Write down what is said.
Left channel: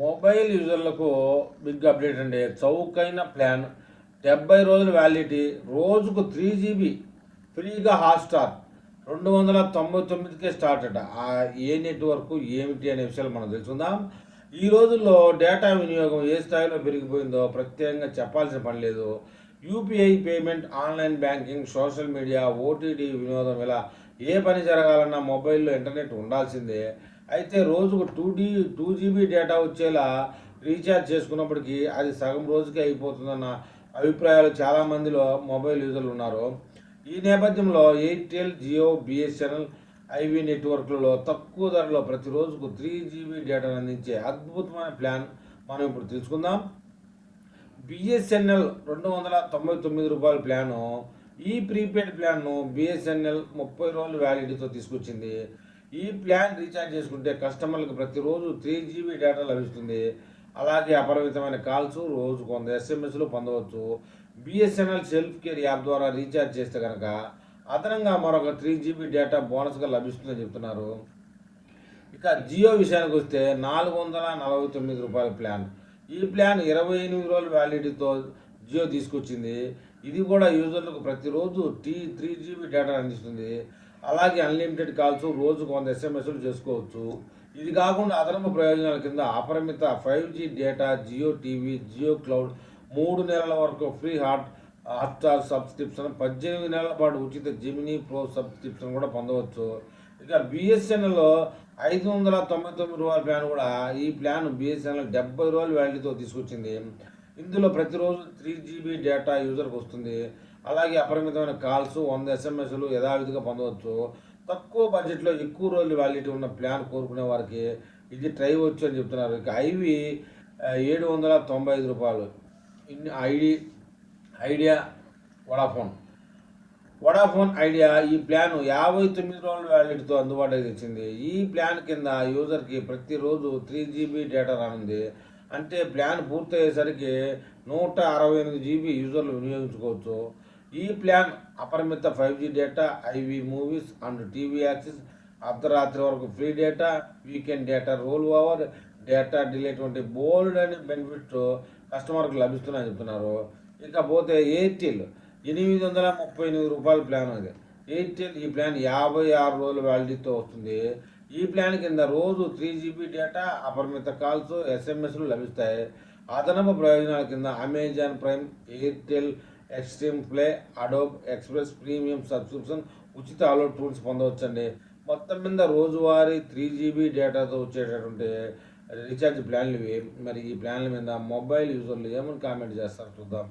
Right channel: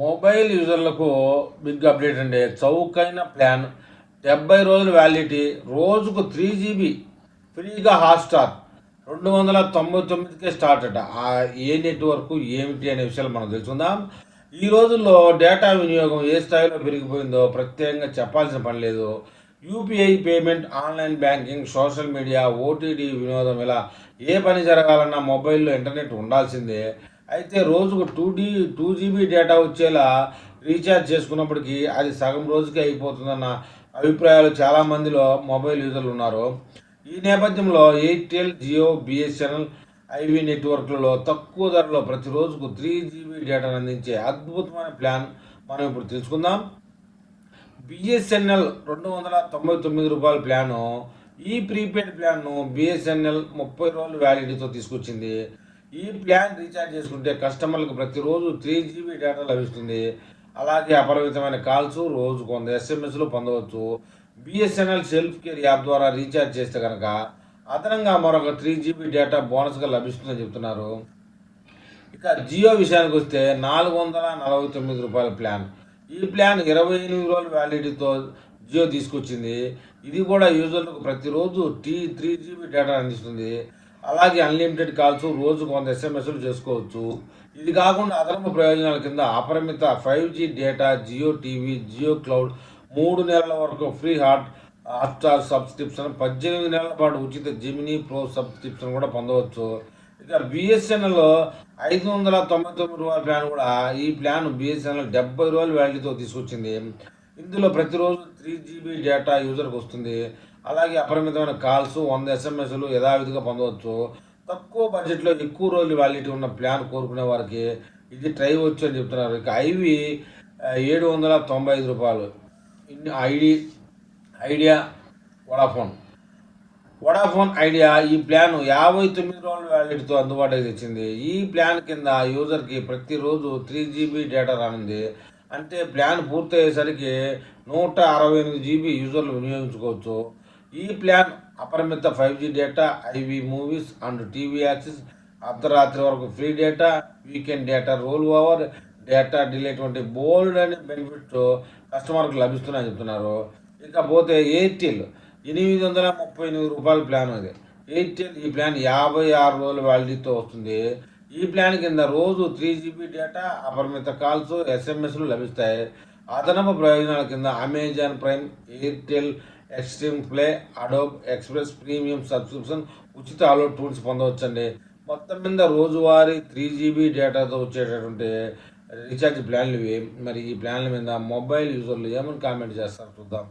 Mobile యూజర్లకు big update అండి. చౌకైన plan 70 రోజులు వ్యాలిడిటీ, రోజుకు 3 జీబీ ఫ్రీగా హాట్‌స్టార్ 299కే స్టార్ట్ అట. ఏ నెట్‌వర్క్ ఏమిటి అనే విషయాలు మనం తెలుసుకుందాం. ఈ రోజుల్లో డేటా వినియోగం ఏ స్థాయిలో పెరిగిపోయిందో ప్రత్యేకంగా చెప్పాల్సిన పని లేదు. UPI payment, online banking, social media, OTT వినోదం ఇలా ఏ పని జరగాలన్నా మొబైల్‌లో ఇంటర్నెట్ ఉండాల్సిందే. అయితే రోజుకు 2 జీబీ డేటా వచ్చేలా రీఛార్జ్ చేసుకున్నప్పటికీ అది సగం రోజుకే అయిపోతుందన్న అభిప్రాయాలు చాలామందిలో మొబైల్ యూజర్లు ఉన్నారు. ఈ నేపథ్యంలో ఎయిర్టెల్, జియో, బిఎస్ఎన్ఎల్, ఐవీ నెట్వర్క్లలో తక్కువ ధరలో ప్రతి రోజుకు 3 జీబీ డేటాను అందించే అద్భుతమైన ప్లాన్ మనం ఇప్పుడు తెలుసుకుందాం. బిఎస్ఎన్ఎల్ రూ. 299 ప్లాను. ఈ ప్రీపెయిడ్ ప్లాన్ను బిఎస్ఎన్ఎల్ 30 రోజులు వ్యాలిడిటీతో తీసుకొచ్చింది. ఈ ప్లాన్ రీఛార్జ్ చేసుకుంటే కస్టమర్లకు ప్రతిరోజు 3 జీబీ డేటా లభిస్తుంది. అలాగే అపరిమితమైన కాల్స్, రోజుకు 100 ఎస్ఎంఎస్లు పొందవచ్చు. బిఎస్ఎన్ఎల్ సెల్ఫ్ కేర్ యాప్ ద్వారా రీఛార్జ్ చేస్తే కనుక అదనంగా మరొక 3 జీబీ డేటా బోనస్గా లభిస్తుందని చెప్తున్నారు. ఇక జియో విషయానికి వస్తే రూ. 449 ప్లాన్. ఈ ప్లాన్ 28 రోజుల వ్యాలిడిటీతో జియో తీసుకొచ్చింది. ఇది కూడా యూజర్లకు ప్రతిరోజు 3 జీబీ డేటా అందిస్తుంది. అలాగే అన్లిమిటెడ్ కాల్స్, రోజుకు 100 ఎస్ఎంఎస్లు చేసుకోవచ్చు. ఇది కాకుండా అదనపు ప్రయోజనాల కింద అపరిమిత 5G data, Jio TV, Jio cloud, 3 నెలల వరకు ఫ్రీ హాట్‌స్టార్ సబ్స్క్రిప్షన్, 18 నెలల పాటు ఉచిత జెమినీ ప్రో సబ్స్క్రిప్షన్ కూడా పొందవచ్చు. ఇక బిఎస్ఎన్ఎల్ రూ. 599 ప్లాన్ కూడా. ఈ ప్లాన్ బిఎస్ఎన్ఎల్ 70 రోజుల వ్యాలిడిటీతో తీసుకొచ్చింది. ఇందులో ప్రతిరోజు 3 జీబీ డేటా యూజర్కి వస్తుంది. అలాగే అపరిమితమైన కాల్స్, 100 ఎస్ఎంఎస్లు యథావిధిగా పొందవచ్చు. తక్కువ బడ్జెట్లో ఎక్కువ రోజులు వ్యాలిడిటీ ఉన్న ప్లాన్ కోరుకునే వారికి ఇది ట్రై వచ్చు అని చెప్తున్నారు. ఇక ఐవి రూ. 795. ఐడియా, వడాఫోన్ ఐడియా ఈ ప్లాన్ 59 రోజుల వ్యాలిడిటీతో అందుబాటులోకి తెచ్చింది. ఈ ప్లాన్ కింద యూజర్కి ప్రతిరోజు 3 జీబీ డేటా రానుంది. అంటే ప్లాన్ పూర్తయ్యేసరికి 168 జీబీ యూజర్లు వినియోగించుకోవచ్చు. ఈ ప్లాన్ అపరిమిత 5G data, ivy movies and TV access, అర్ధరాత్రి వరకు free data, weekend data role over, data delete వంటి బోల్డ్ అండ్ బెనిఫిట్స్ కస్టమర్కి లభిస్తున్నాయని చెప్తున్నారు. ఇకపోతే ఎయిర్టెల్ రూ. 838 ప్లాన్ అది. ఎయిర్టెల్ ఈ ప్లాన్ 56 రోజుల వ్యాలిడిటీతో వస్తుంది. ఈ ప్లాన్ కింద రోజు 3 జీబీ డేటా, అపరిమిత కాల్స్, ఎస్ఎంఎస్లు లభిస్తాయి. అదనపు ప్రయోజనాల కింద Amazon prime, Airtel extreme play, Adobe express premium subscription, ఉచిత డౌన్లోడ్ టూల్స్ పొందవచ్చండి. మొత్తం మీద రోజువారీ 3 జీబీ డేటాతో వచ్చేటటువంటి రీఛార్జ్ ప్లాన్లు ఇవి. మరి ఈ ప్లాన్ల మీద మొబైల్ యూజర్లు ఏమని కామెంట్ చేస్తారో చూద్దాం.